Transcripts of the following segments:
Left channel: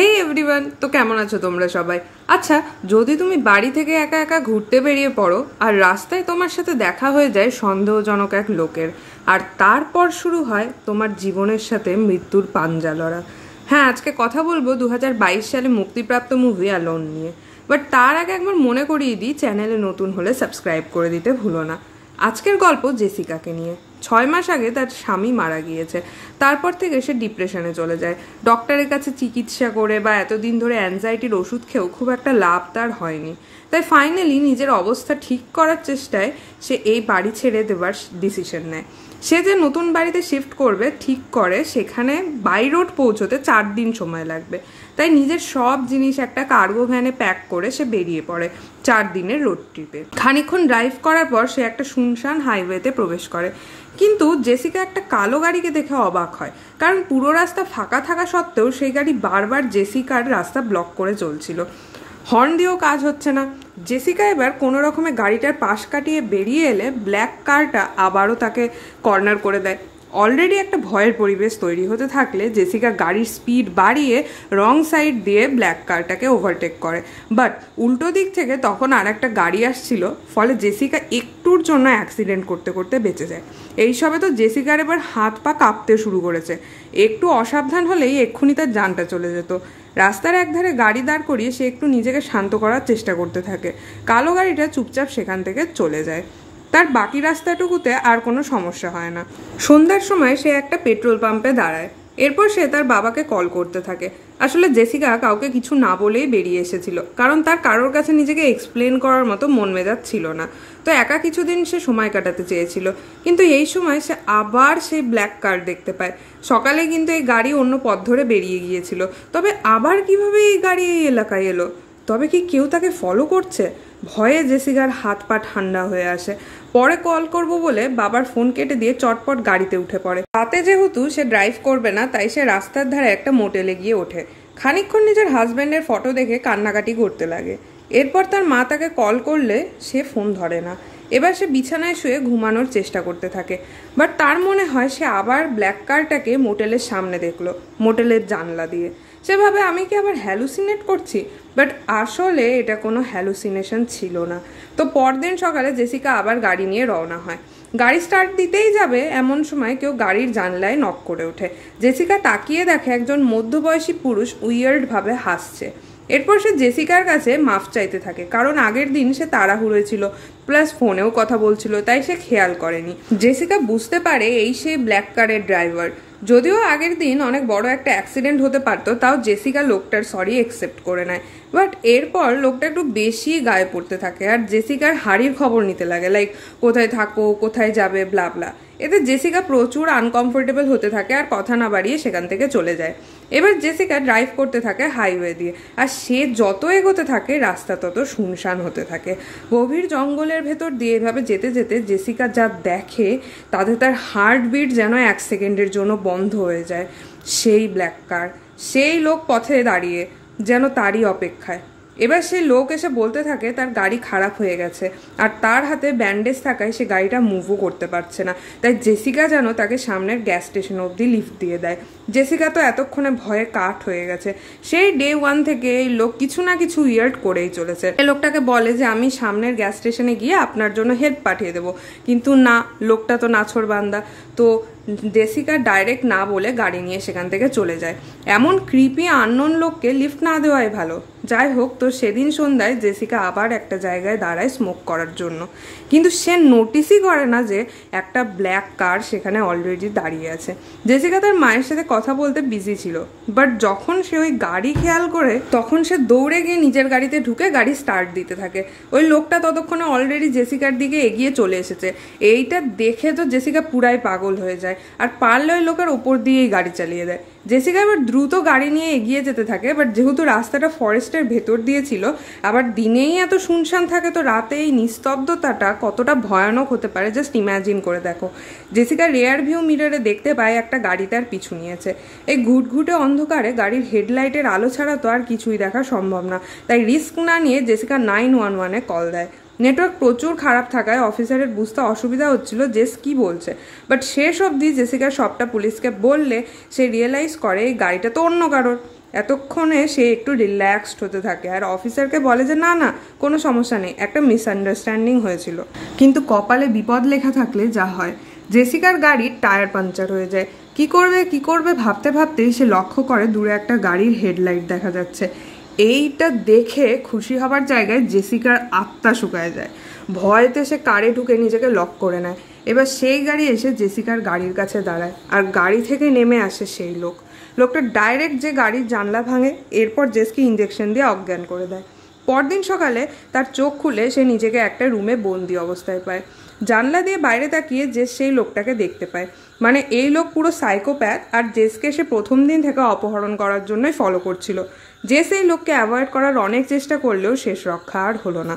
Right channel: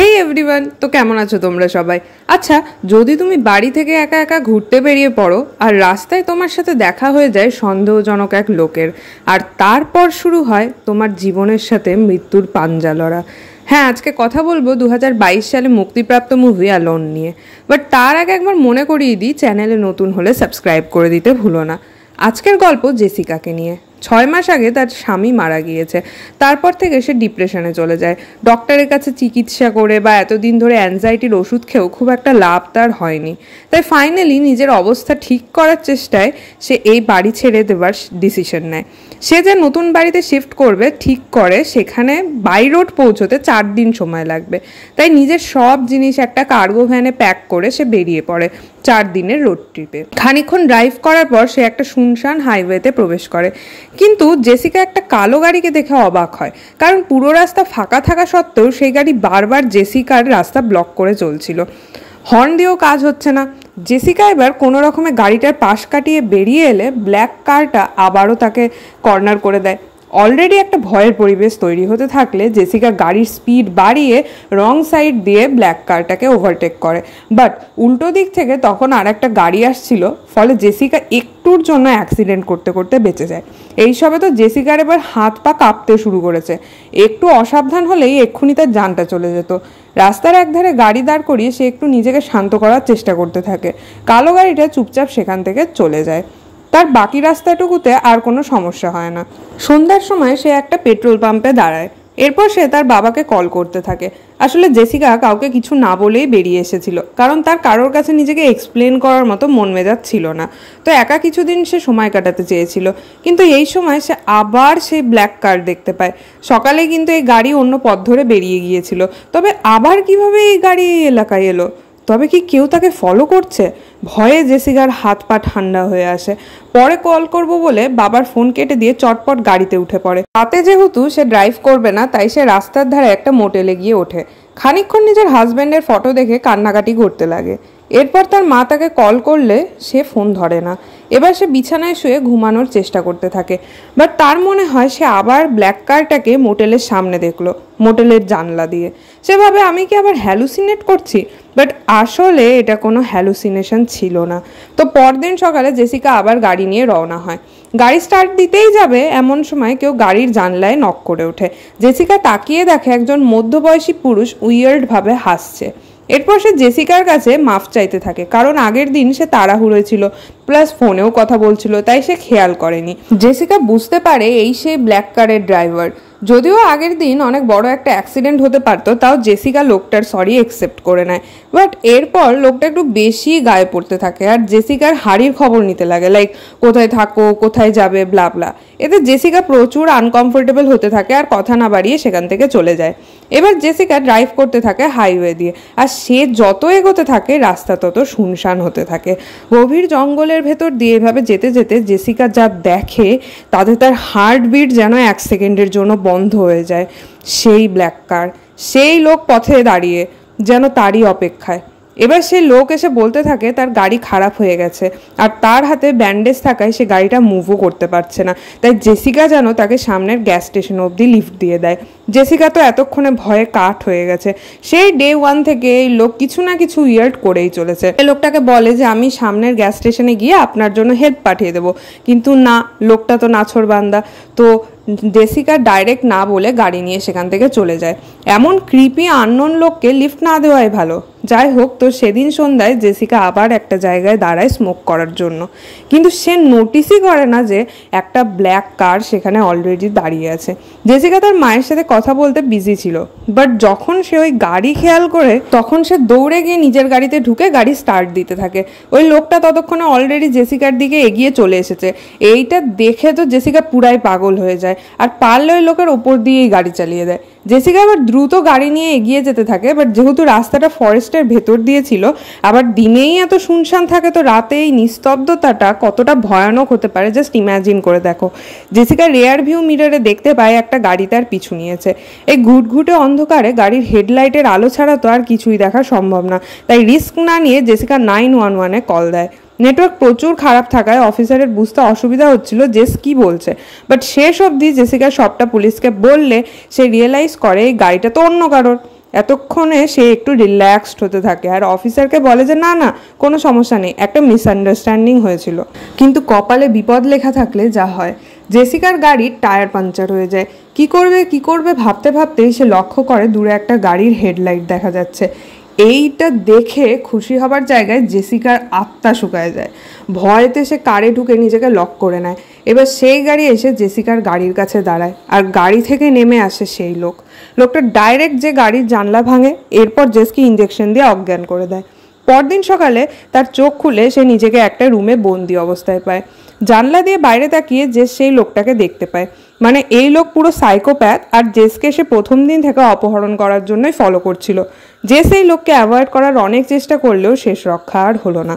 হে everyone, তো কেমন আছো তোমরা সবাই? আচ্ছা, যদি তুমি বাড়ি থেকে একা একা ঘুরতে বেরিয়ে পড়ো আর রাস্তায় তোমার সাথে দেখা হয়ে যায় সন্দেহজনক এক লোকের, আর তারপর শুরু হয় তোমার জীবনের সাথে মৃত্যুর পাঞ্জা লড়া। হ্যাঁ, আজকে কথা বলবো 2022 সালে মুক্তিপ্রাপ্ত মুভি অ্যালোন নিয়ে। বাট তার আগে একবার মনে করিয়ে দিই, চ্যানেলে নতুন হলে সাবস্ক্রাইব করে দিতে ভুলো না। আজকের গল্প জেসিকাকে নিয়ে। 6 মাস আগে তার স্বামী মারা গিয়েছে। তারপর থেকে সে ডিপ্রেশনে চলে যায়। ডক্টরের কাছে চিকিৎসা করে বা এতদিন ধরে অ্যাংজাইটির ওষুধ খেয়েও খুব একটা লাভ তার হয়নি। তাই ফাইনালি নিজের অবস্থা ঠিক করার চেষ্টায় সে এই বাড়ি ছেড়ে দেবার ডিসিশন নেয়। সে যে নতুন বাড়িতে শিফট করবে ঠিক করে সেখানে বাই রোড পৌঁছতে 4 দিন সময় লাগবে। তাই নিজের সব জিনিস একটা কার্গো ভ্যানে প্যাক করে সে বেরিয়ে পড়ে 4 দিনের রোড ট্রিপে। খানিকক্ষণ ড্রাইভ করার পর সে একটা শুনশান হাইওয়েতে প্রবেশ করে। কিন্তু জেসিকা একটা কালো গাড়িকে দেখে অবাক হয়, কারণ পুরো রাস্তা ফাঁকা থাকা সত্ত্বেও সেই গাড়ি বারবার জেসিকার রাস্তা ব্লক করে চলছিল। হর্ন দিয়েও কাজ হচ্ছে না। জেসিকা এবার কোনো রকমে গাড়িটার পাশ কাটিয়ে বেরিয়ে এলে ব্ল্যাক কারটা আবারও তাকে কর্নার করে দেয়। অলরেডি একটা ভয়ের পরিবেশ তৈরি হতে থাকলে জেসিকা গাড়ির স্পিড বাড়িয়ে রং সাইড দিয়ে ব্ল্যাক কারটাকে ওভারটেক করে। বাট উল্টো দিক থেকে তখন আর একটা গাড়ি আসছিল, ফলে জেসিকা একটুর জন্য অ্যাক্সিডেন্ট করতে করতে বেঁচে যায়। এইসবে তো জেসিকার এবার হাত পা কাঁপতে শুরু করেছে। একটু অসাবধান হলেই এক্ষুনি তার জানটা চলে যেত। রাস্তার একধারে গাড়ি দাঁড় করিয়ে সে একটু নিজেকে শান্ত করার চেষ্টা করতে থাকে। কালো গাড়িটা চুপচাপ সেখান থেকে চলে যায়। তার বাকি রাস্তাটুকুতে আর কোনো সমস্যা হয় না। সন্ধ্যার সময় সে একটা পেট্রোল পাম্পে দাঁড়ায়। এরপর সে তার বাবাকে কল করতে থাকে। আসলে জেসিকা কাউকে কিছু না বলেই বেরিয়ে এসেছিল, কারণ তার কারোর কাছে নিজেকে এক্সপ্লেন করার মতো মন মেজাজ ছিল না। তো একা কিছুদিন সে সময় কাটাতে চেয়েছিল। কিন্তু এই সময় সে আবার সেই ব্ল্যাক কার দেখতে পায়। সকালে কিন্তু এই গাড়ি অন্য পথ ধরে বেরিয়ে গিয়েছিল। তবে আবার কিভাবে এই গাড়ি এই এলাকায় এলো? তবে কি কেউ তাকে ফলো করছে? ভয়ে জেসিকার হাত পা ঠান্ডা হয়ে আসে। পরে কল করব বলে বাবার ফোন কেটে দিয়ে চটপট গাড়িতে উঠে পড়ে। রাতে যেহেতু সে ড্রাইভ করবে না, তাই সে রাস্তার ধারে একটা মোটেলে গিয়ে ওঠে। খানিকক্ষণ নিজের হাজব্যান্ডের ফটো দেখে কান্নাকাটি করতে লাগে। এরপর তার মা তাকে কল করলে সে ফোন ধরে না। এবার সে বিছানায় শুয়ে ঘুমানোর চেষ্টা করতে থাকে। বাট তার মনে হয় সে আবার ব্ল্যাক কারটাকে মোটেলের সামনে দেখলো, মোটেলের জানলা দিয়ে। সে ভাবে আমি কি আবার হ্যালুসিনেট করছি? বাট আসলে এটা কোনো হ্যালুসিনেশন ছিল না। তো পরদিন সকালে জেসিকা আবার গাড়ি নিয়ে রওনা হয়। গাড়ি স্টার্ট দিতেই যাবে এমন সময় কেউ গাড়ির জানলায় নক করে ওঠে। জেসিকা তাকিয়ে দেখে একজন মধ্যবয়সী পুরুষ উইয়ার্ড ভাবে হাসছে। এরপর সে জেসিকার কাছে মাফ চাইতে থাকে, কারণ আগের দিন সে তাড়াহুড়োয় ছিল, প্লাস ফোনেও কথা বলছিল, তাই সে খেয়াল করেনি। জেসিকা বুঝতে পারে এই সেই ব্ল্যাক কারের ড্রাইভার। যদিও আগের দিন অনেক বড় একটা অ্যাক্সিডেন্ট হতে পারতো, তাও জেসিকা লোকটার সরি অ্যাকসেপ্ট করে নেয়। বাট এরপর লোকটা একটু বেশি গায়ে পড়তে থাকে আর জেসিকার হাড়ির খবর নিতে লাগে, লাইক কোথায় থাকো, কোথায় যাবে, ব্লা ব্লা। এতে জেসিকা প্রচুর আনকমফোর্টেবল হতে থাকে আর কথা না বাড়িয়ে সেখান থেকে চলে যায়। এবার জেসিকা ড্রাইভ করতে থাকে হাইওয়ে দিয়ে, আর সে যত এগোতে থাকে রাস্তা তত শুনশান হতে থাকে। গভীর জঙ্গলের ভেতর দিয়ে এভাবে যেতে যেতে জেসিকা যা দেখে তাতে তার হার্টবিট যেন 1 সেকেন্ডের জন্য বন্ধ হয়ে যায়। সেই ব্ল্যাক কার, সেই লোক পথে দাঁড়িয়ে যেন তারই অপেক্ষায়। এবার সেই লোক এসে বলতে থাকে তার গাড়ি খারাপ হয়ে গেছে, আর তার হাতে ব্যান্ডেজ থাকায় সে গাড়িটা মুভও করতে পারছে না। তাই জেসিকা যেন তাকে সামনের গ্যাস স্টেশন অবধি লিফট দিয়ে দেয়। জেসিকা তো এতক্ষণে ভয়ে কাঠ হয়ে গেছে। সেই ডে 1 থেকে এই লোক কিছু না কিছু উইয়ার্ড করেই চলেছে। এই লোকটাকে বলে যে আমি সামনের গ্যাস স্টেশনে গিয়ে আপনার জন্য হেল্প পাঠিয়ে দেবো, কিন্তু না, লোকটা তো নাছোড়বান্দা। তো জেসিকা ডাইরেক্ট না বলে গাড়ি নিয়ে সেখান থেকে চলে যায়। এমন ক্রিপি আননোন লোককে লিফট না দেওয়াই ভালো। যাই হোক, তো সেদিন সন্ধ্যায় জেসিকা আবার একটা জায়গায় দাঁড়ায় স্মোক করার জন্য, কিন্তু সে নোটিসই করে না যে একটা ব্ল্যাক কার সেখানে অলরেডি দাঁড়িয়ে আছে। জেসিকা তার মায়ের সাথে কথা বলতে বিজি ছিল, বাট যখন সে ওই গাড়ি খেয়াল করে তখন সে দৌড়ে গিয়ে নিজের গাড়িতে ঢুকে গাড়ি স্টার্ট দিতে থাকে। ওই লোকটা ততক্ষণে অলরেডি জেসিকার দিকে এগিয়ে চলে এসেছে। এইটা দেখে তো জেসিকা পুরাই পাগল হয়ে যায়, আর পারলে ওই লোকের ওপর দিয়েই গাড়ি চালিয়ে দেয়। জেসিকা আবার দ্রুত গাড়ি নিয়ে এগিয়ে যেতে থাকে। বাট যেহেতু রাস্তাটা ফরেস্টের ভেতর দিয়ে ছিল, আবার দিনেই এত শুনশান থাকে, তো রাতে এই নিস্তব্ধতাটা কতটা ভয়ানক হতে পারে জাস্ট ইম্যাজিন করে দেখো। জেসিকা রেয়ার ভিউ মিররে দেখতে পায় একটা গাড়ি তার পিছু নিয়েছে। এই ঘুটঘুটে অন্ধকারে গাড়ির হেডলাইটের আলো ছাড়া তো আর কিছুই দেখা সম্ভব না। তাই রিস্ক না নিয়ে জেসিকা 911-এ কল দেয়। নেটওয়ার্ক প্রচুর খারাপ থাকায় অফিসারের বুঝতে অসুবিধা হচ্ছিল জেস কি বলছে। বাট শেষ অবধি জেসিকা সবটা পুলিশকে বললে সে রিয়েলাইজ করে এই গাড়িটা তো অন্য কারোর। এতক্ষণে সে একটু রিল্যাক্সড হতে থাকে আর অফিসারকে বলে যে না না কোনো সমস্যা নেই, একটা মিসআন্ডারস্ট্যান্ডিং হয়েছিল। কিন্তু কপালে বিপদ লেখা থাকলে যা হয়, জেসিকার গাড়ির টায়ার পাঞ্চার হয়ে যায়। কি করবে ভাবতে ভাবতেই সে লক্ষ্য করে দূরে একটা গাড়ির হেডলাইট দেখা যাচ্ছে। এইটা দেখে খুশি হবার জায়গায় জেসিকার আত্মা শুকায় যায়। ভয়েতে সে কারে ঢুকে নিজেকে লক করে নেয়। এবার সেই গাড়ি এসে জেসিকার গাড়ির কাছে দাঁড়ায় আর গাড়ি থেকে নেমে আসে সেই লোকটা ডাইরেক্ট যে গাড়ির জানলা ভাঙে, এরপর জেসকে ইঞ্জেকশন দিয়ে অজ্ঞান করে দেয়। পরদিন সকালে তার চোখ খুলে সে নিজেকে একটা রুমে বন্দি অবস্থায় পায়। জানলা দিয়ে বাইরে তাকিয়ে জেস সেই লোকটাকে দেখতে পায়। মানে এই লোক পুরো সাইকোপ্যাথ আর জেসকে সে প্রথম দিন থেকে অপহরণ করার জন্যই ফলো করছিল। জেস এই লোককে অ্যাভয়েড করার অনেক চেষ্টা করলেও শেষ রক্ষা আর হলো না।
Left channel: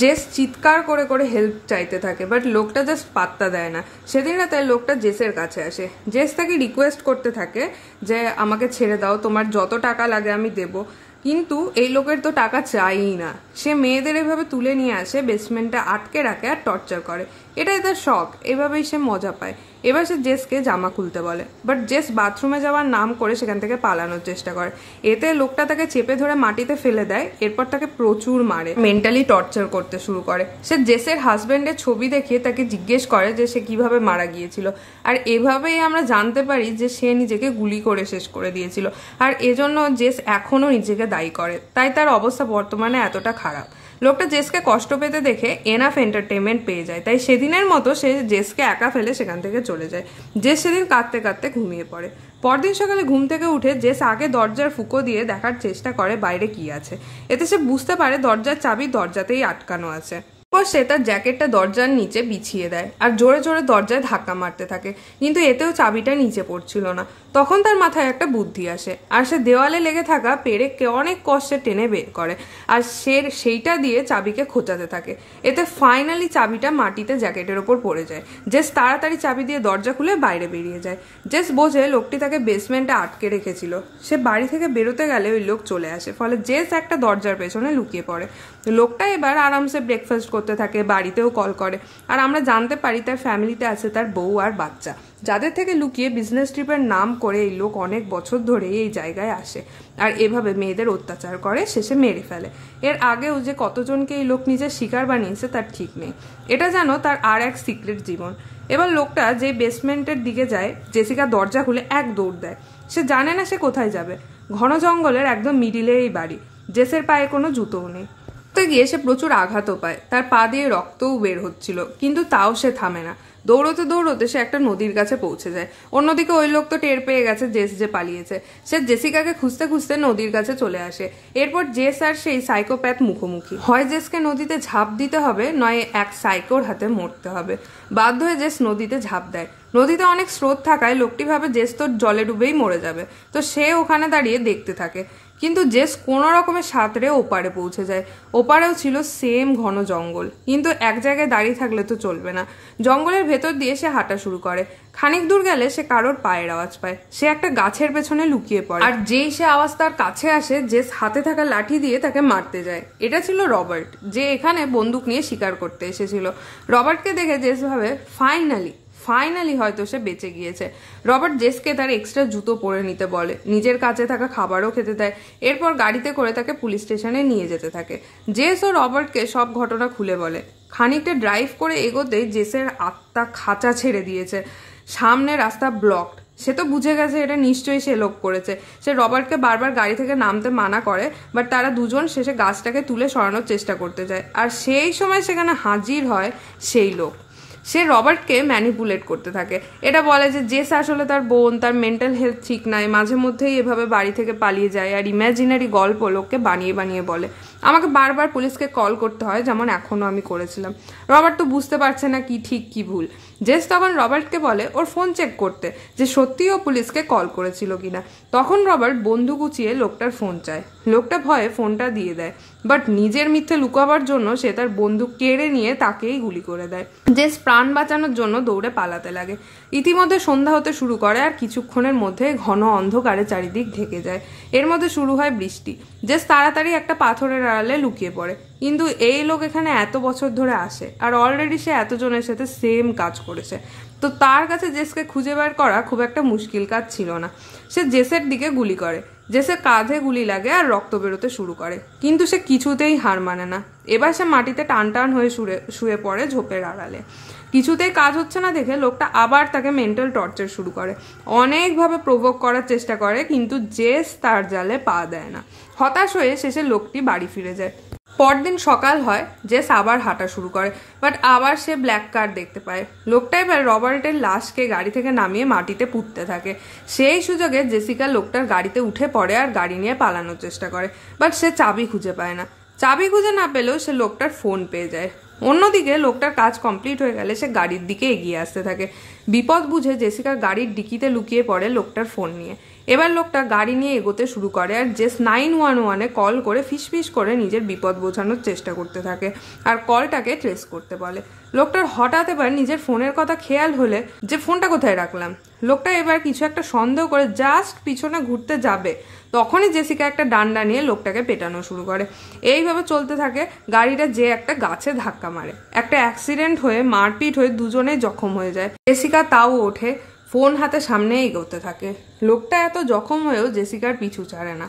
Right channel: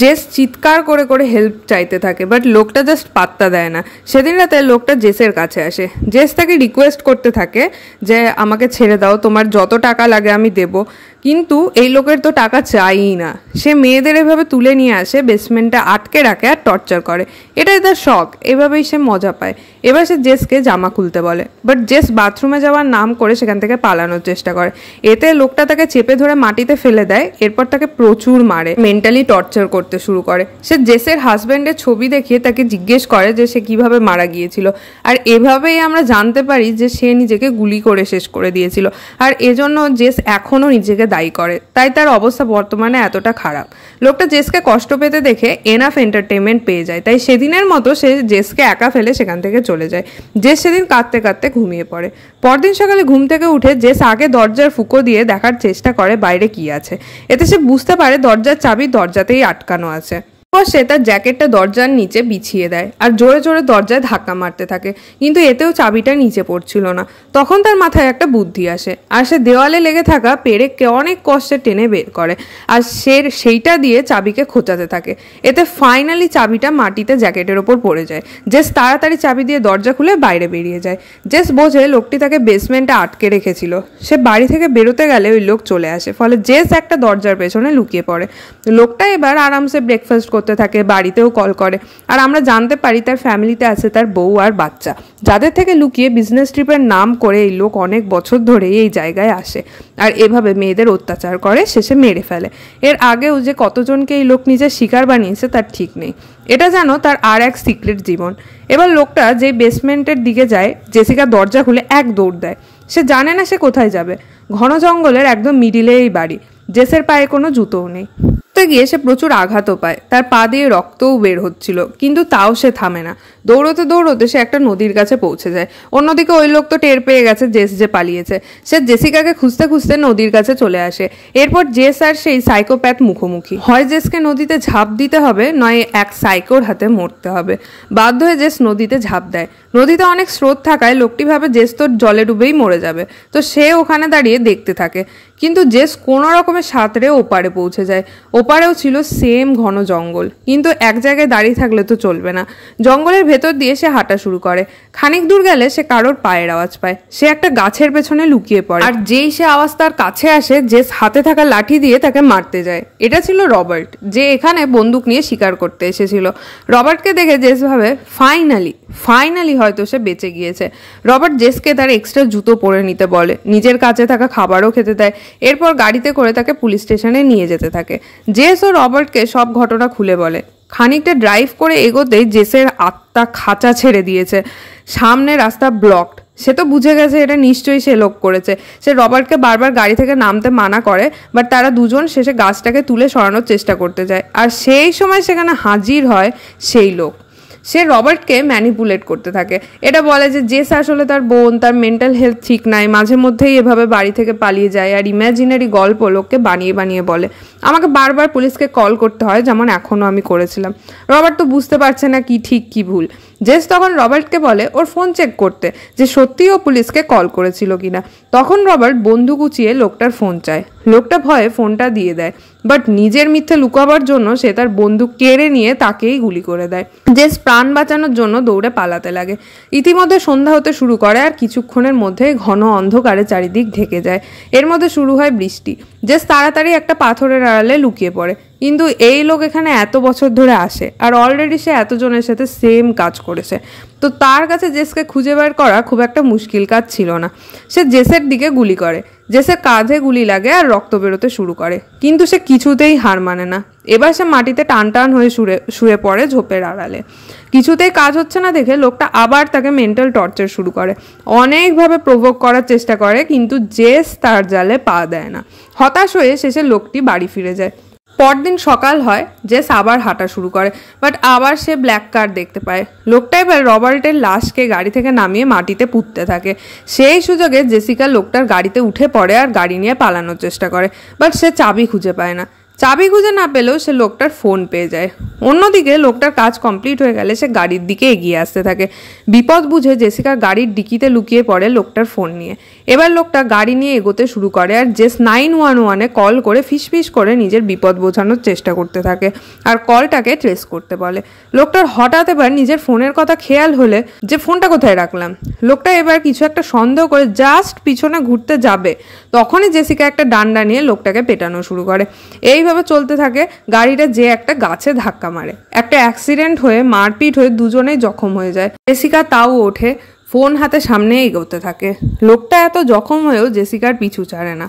জেস চিৎকার করে করে হেল্প চাইতে থাকে, বাট লোকটা জাস্ট পাত্তা দেয় না। সেদিন রাতে লোকটা জেসের কাছে আসে। জেস তাকে রিকোয়েস্ট করতে থাকে যে আমাকে ছেড়ে দাও, তোমার যত টাকা লাগে আমি দেবো। কিন্তু এই লোকের তো টাকা চাইই না। সে মেয়েদের এভাবে তুলে নিয়ে আসে, বেসমেন্টে আটকে রাখে আর টর্চার করে। এটাই তার শখ, এভাবেই সে মজা পায়। এবার সে জেসকে জামা খুলতে বলে, বাট জেস বাথরুমে যাওয়ার নাম করে সেখান থেকে পালানোর চেষ্টা করে। এতে লোকটা তাকে চেপে ধরে মাটিতে ফেলে দেয়, এরপর তাকে প্রচুর মারে, মেন্টালি টর্চার করতে শুরু করে। সে জেসের হাজব্যান্ডের ছবি দেখিয়ে তাকে জিজ্ঞেস করে যে সে কিভাবে মারা গিয়েছিল। আর এভাবেই আমরা জানতে পারি যে সে নিজেকে গুলি করে শেষ করে দিয়েছিল। আর এজন্য জেস এখনো নিজেকে দায়ী করে, তাই তার অবস্থা বর্তমানে এতটা খারাপ। লোকটা জেসকে কষ্ট পেতে দেখে এনাফ এন্টারটেনমেন্ট পেয়ে যায়, তাই সেদিনের মতো সে জেসকে একা ফেলে সেখান থেকে চলে যায়। জেস সেদিন কাঁদতে কাঁদতে ঘুমিয়ে পড়ে। পরদিন সকালে ঘুম থেকে উঠে জেস আগে দরজার ফুঁকো দিয়ে দেখার চেষ্টা করে বাইরে কি আছে। এতে সে বুঝতে পারে দরজার চাবি দরজাতেই আটকানো আছে। সে তার জ্যাকেটটা দরজার নিচে বিছিয়ে দেয় আর জোরে জোরে দরজায় ধাক্কা মারতে থাকে, কিন্তু এতেও চাবিটা নিচে পড়ছিল না। তখন তার মাথায় একটা বুদ্ধি আসে আর সে দেওয়ালে লেগে থাকা পেরেককে অনেক কষ্টে টেনে বের করে আর সেইটা দিয়ে চাবিকে খোঁচাতে থাকে। এতে ফাইনালি চাবিটা মাটিতে জ্যাকেটের ওপর পড়ে যায়। জেস তাড়াতাড়ি চাবি দিয়ে দরজা খুলে বাইরে বেরিয়ে যায়। জেস বোঝে লোকটি তাকে বেসমেন্টে আটকে রেখেছিল। সে বাড়ি থেকে বেরোতে গেলে ওই লোক চলে আসে, ফলে জেস একটা দরজার পেছনে লুকিয়ে পড়ে। লোকটা এবার আরামসে ব্রেকফাস্ট করতে থাকে, বাড়িতেও কল করে। আর আমরা জানতে পারি তার ফ্যামিলিতে আছে তার বউ আর বাচ্চা, যাদের থেকে লুকিয়ে বিজনেস ট্রিপের নাম করে এই লোক অনেক বছর ধরে এই জায়গায় আসে আর এভাবে মেয়েদের অত্যাচার করে, শেষে মেরে ফেলে। এর আগেও যে কতজনকে এই লোক নিজের শিকার বানিয়েছে তার ঠিক নেই। এটা যেন তার আর এক সিক্রেট জীবন। এবার লোকটা যে বেসমেন্টের দিকে যায়, জেসিকা দরজা খুলে এক দৌড় দেয়। সে জানে না সে কোথায় যাবে। ঘন জঙ্গলের একদম মিডিলে এই বাড়ি। জেসের পায়ে কোনো জুতোও নেই। গিয়ে সে প্রচুর আঘাতও পায়, তার পা দিয়ে রক্তও বের হচ্ছিল, কিন্তু তাও সে থামে না। দৌড়তে দৌড়তে সে একটা নদীর কাছে পৌঁছে যায়। অন্যদিকে ওই লোক তো টের পেয়ে গেছে জেস যে পালিয়েছে। সে জেসিকাকে খুঁজতে খুঁজতে নদীর কাছে চলে আসে। এরপর জেস আর সেই সাইকোপ্যাথ মুখোমুখি হয়। জেসকে নদীতে ঝাঁপ দিতে হবে, নয় এক সাইকোর হাতে মরতে হবে। বাধ্য হয়ে জেস নদীতে ঝাঁপ দেয়। নদীতে অনেক স্রোত থাকায় লোকটি ভাবে জেস তোর জলে ডুবেই মরে যাবে, তো সে ওখানে দাঁড়িয়ে দেখতে থাকে। কিন্তু জেস কোনো রকমের সাঁতরে ওপারে পৌঁছে যায়। ওপারেও ছিল সেম ঘন জঙ্গল, কিন্তু এক জায়গায় দাঁড়িয়ে থাকলে তো চলবে না। জঙ্গলের ভেতর দিয়ে সে হাঁটা শুরু করে। খানিক দূর গেলে সে কারোর পায়ের আওয়াজ পায়। সে একটা গাছের পেছনে লুকিয়ে পড়ে, আর যেই সে আওয়াজ তার কাছে আসে, জেস হাতে থাকা লাঠি দিয়ে তাকে মারতে যায়। এটা ছিল রবার্ট, যে এখানে বন্দুক নিয়ে শিকার করতে এসেছিল। রবার্টকে দেখে জেস ভাবে ফাইনালি হয়তো সে বেঁচে গিয়েছে। রবার্ট জেসকে তার এক্সট্রা জুতো পরে নিতে বলে, নিজের কাছে থাকা খাবারও খেতে দেয়। এরপর গাড়িতে করে তাকে পুলিশ স্টেশনে নিয়ে যেতে থাকে। জেস ও রবার্টকে সব ঘটনা খুলে বলে। খানিকটা ড্রাইভ করে এগোতেই জেসের আত্মা খাঁচা ছেড়ে দিয়েছে। সামনে রাস্তা ব্লকড। সে তো বুঝে গেছে এটা নিশ্চয়ই সে লোক করেছে। সে রবার্টকে বারবার গাড়ি থেকে নামতে মানা করে, বাট তারা দুজন শেষে গাছটাকে তুলে সরানোর চেষ্টা করতে যায়। আর সেই সময় সেখানে হাজির হয় সেই লোক। সে রবার্টকে ম্যানিপুলেট করতে থাকে। এটা বলে যে জেস আসলে তার বোন, তার মেন্টাল হেলথ ঠিক নাই, মাঝে মধ্যেই এভাবে বাড়ি থেকে পালিয়ে যায়, আর ইমাজিনারি গল্প লোককে বানিয়ে বানিয়ে বলে। আমাকে বারবার পুলিশকে কল করতে হয়, যেমন এখনও আমি করেছিলাম। রবার্ট তো বুঝতে পারছে না কি ঠিক কি ভুল। জেস তখন রবার্টকে বলে ওর ফোন চেক করতে, যে সত্যিই ও পুলিশকে কল করেছিল কিনা। তখন রবার্ট বন্দুক উঁচিয়ে লোকটার ফোন চায়। লোকটা ভয়ে ফোনটা দিয়ে দেয়, বাট নিজের মিথ্যে লুকাবার জন্য সে তার বন্দুক কেড়ে নিয়ে তাকেই গুলি করে দেয়। জেস প্রাণ বাঁচানোর জন্য দৌড়ে পালাতে লাগে। ইতিমধ্যে সন্ধ্যা হতে শুরু করে, আর কিছুক্ষণের মধ্যে ঘন অন্ধকারে চারিদিক ঢেকে যায়। এর মধ্যে শুরু হয় বৃষ্টি। জেস তাড়াতাড়ি একটা পাথরের আড়ালে লুকিয়ে পড়ে, কিন্তু এই লোক এখানে এত বছর ধরে আসে আর অলরেডি সে এতজনের সাথে সেম কাজ করেছে, তো তার কাছে জেসকে খুঁজে বের করা খুব একটা মুশকিল কাজ ছিল না। সে জেসের দিকে গুলি করে, জেসের কাঁধে গুলি লাগে আর রক্ত বেরোতে শুরু করে, কিন্তু সে কিছুতেই হার মানে না। এবার সে মাটিতে টান টান হয়ে শুয়ে পড়ে ঝোপের আড়ালে। কিছুতেই কাজ হচ্ছে না দেখে লোকটা আবার তাকে মেন্টাল টর্চার শুরু করে, অনেকভাবে প্রভোক করার চেষ্টা করে, কিন্তু জেস তার জালে পা দেয় না। হতাশ হয়ে শেষে লোকটি বাড়ি ফিরে যায়। পরদিন সকাল হয়, জেস আবার হাঁটা শুরু করে, বাট আবার সে ব্ল্যাক কার দেখতে পায়। লোকটা এবার রবার্টের লাশকে গাড়ি থেকে নামিয়ে মাটিতে পুঁততে থাকে। সেই সুযোগে জেসিকা লোকটার গাড়িতে উঠে পড়ে আর গাড়ি নিয়ে পালানোর চেষ্টা করে, বাট সে চাবি খুঁজে পায় না। চাবি খুঁজে না পেলেও সে লোকটার ফোন পেয়ে যায়। অন্যদিকে লোকটার কাজ কমপ্লিট হয়ে গেলে সে গাড়ির দিকে এগিয়ে আসতে থাকে। বিপদ বুঝে জেসিকা গাড়ির ডিকিতে লুকিয়ে পড়ে লোকটার ফোন নিয়ে। এবার লোকটা গাড়ি নিয়ে এগোতে শুরু করে আর জেস 911-এ কল করে ফিসফিস করে নিজের বিপদ বোঝানোর চেষ্টা করতে থাকে আর কলটাকে ট্রেস করতে বলে। লোকটার হঠাৎ এবার নিজের ফোনের কথা খেয়াল হলে যে ফোনটা কোথায় রাখলাম, লোকটা এবার কিছু একটা সন্দেহ করে জাস্ট পিছনে ঘুরতে যাবে, তখনই জেসিকা একটা ডান্ডা নিয়ে লোকটাকে পেটানো শুরু করে। এইভাবে চলতে থাকে। গাড়িটা যে একটা গাছে ধাক্কা মারে, একটা অ্যাক্সিডেন্ট হয়ে মারপিট হয়ে দুজনেই জখম হয়ে যায়। জেসিকা তাও ওঠে, ফোন হাতে সামনে এগোতে থাকে। লোকটা এত জখম হয়েও জেসিকার পিছু ছাড়ে না।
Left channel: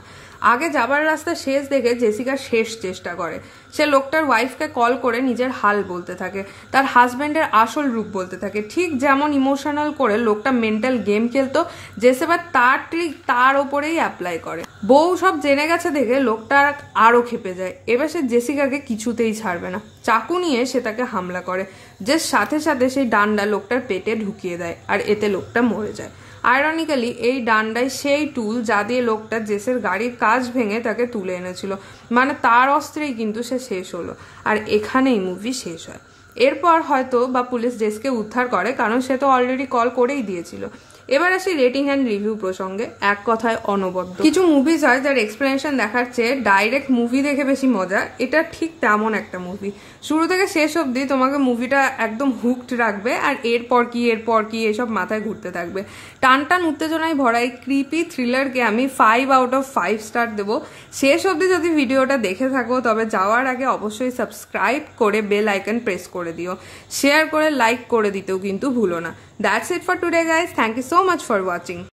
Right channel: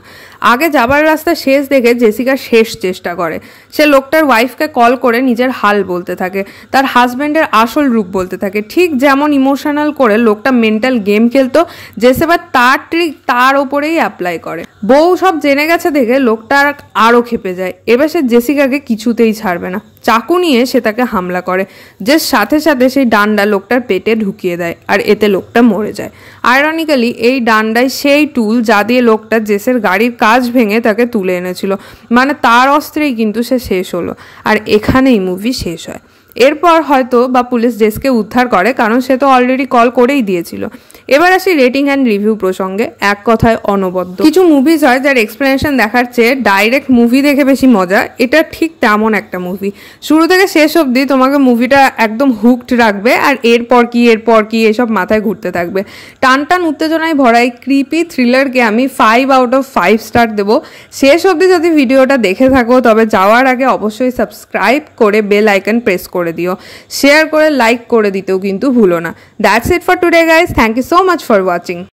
আগে যাবার রাস্তা শেষ দেখে জেসিকা শেষ চেষ্টা করে। সে লোকটার ওয়াইফকে কল করে নিজের হাল বলতে থাকে, তার হাজব্যান্ডের আসল রূপ বলতে থাকে। ঠিক যেমন ইমোশনাল করে লোকটা মেন্টাল গেম খেলতো, জেস এবার তার ট্রিক তার ওপরেই অ্যাপ্লাই করে। বউ সব জেনে গেছে দেখে লোকটা আরও খেপে যায়। এবার সে জেসিকাকে কিছুতেই ছাড়বে না। চাকু নিয়ে সে তাকে হামলা করে, যে সাথে সাথে সেই ডান্ডা লোকটার পেটে ঢুকিয়ে দেয় আর এতে লোকটা মরে যায়। আয়রনিক্যালি এই ডান্ডায় সেই টুল যা দিয়ে লোকটা জেসের গাড়ির কাজ ভেঙে তাকে তুলে এনেছিল, মানে তার অস্ত্রেই কিন্তু সে শেষ হলো। আর এখানেই মুভি শেষ হয়। এরপর হয়তো বা পুলিশ জেসকে উদ্ধার করে, কারণ সে তো অলরেডি কল করেই দিয়েছিল। এবার আসি রেটিং অ্যান্ড রিভিউ প্রসঙ্গে। এক কথায় অনবদ্য। কিছু মুভিজ হয় যার এক্সপ্লেনেশন দেখার চেয়ে ডাইরেক্ট মুভি দেখে বেশি মজা, এটা ঠিক তেমন একটা মুভি। শুরু থেকে শেষ অবধি তোমাকে মুভিটা একদম হুকড রাখবে আর এরপর কি এসব মাথায় ঘুরতে থাকবে। টান টান উত্তেজনায় ভরা এই ক্রিপি থ্রিলারকে আমি 5/5 স্টার দেবো। শেষ অবধি যদি ভিডিওটা দেখে থাকো তবে যাওয়ার আগে অবশ্যই সাবস্ক্রাইব করে বেল আইকন প্রেস করে দিও, শেয়ার করে লাইক করে দিতেও কিন্তু ভুলো না। That's it for today guys, thank you so much for watching.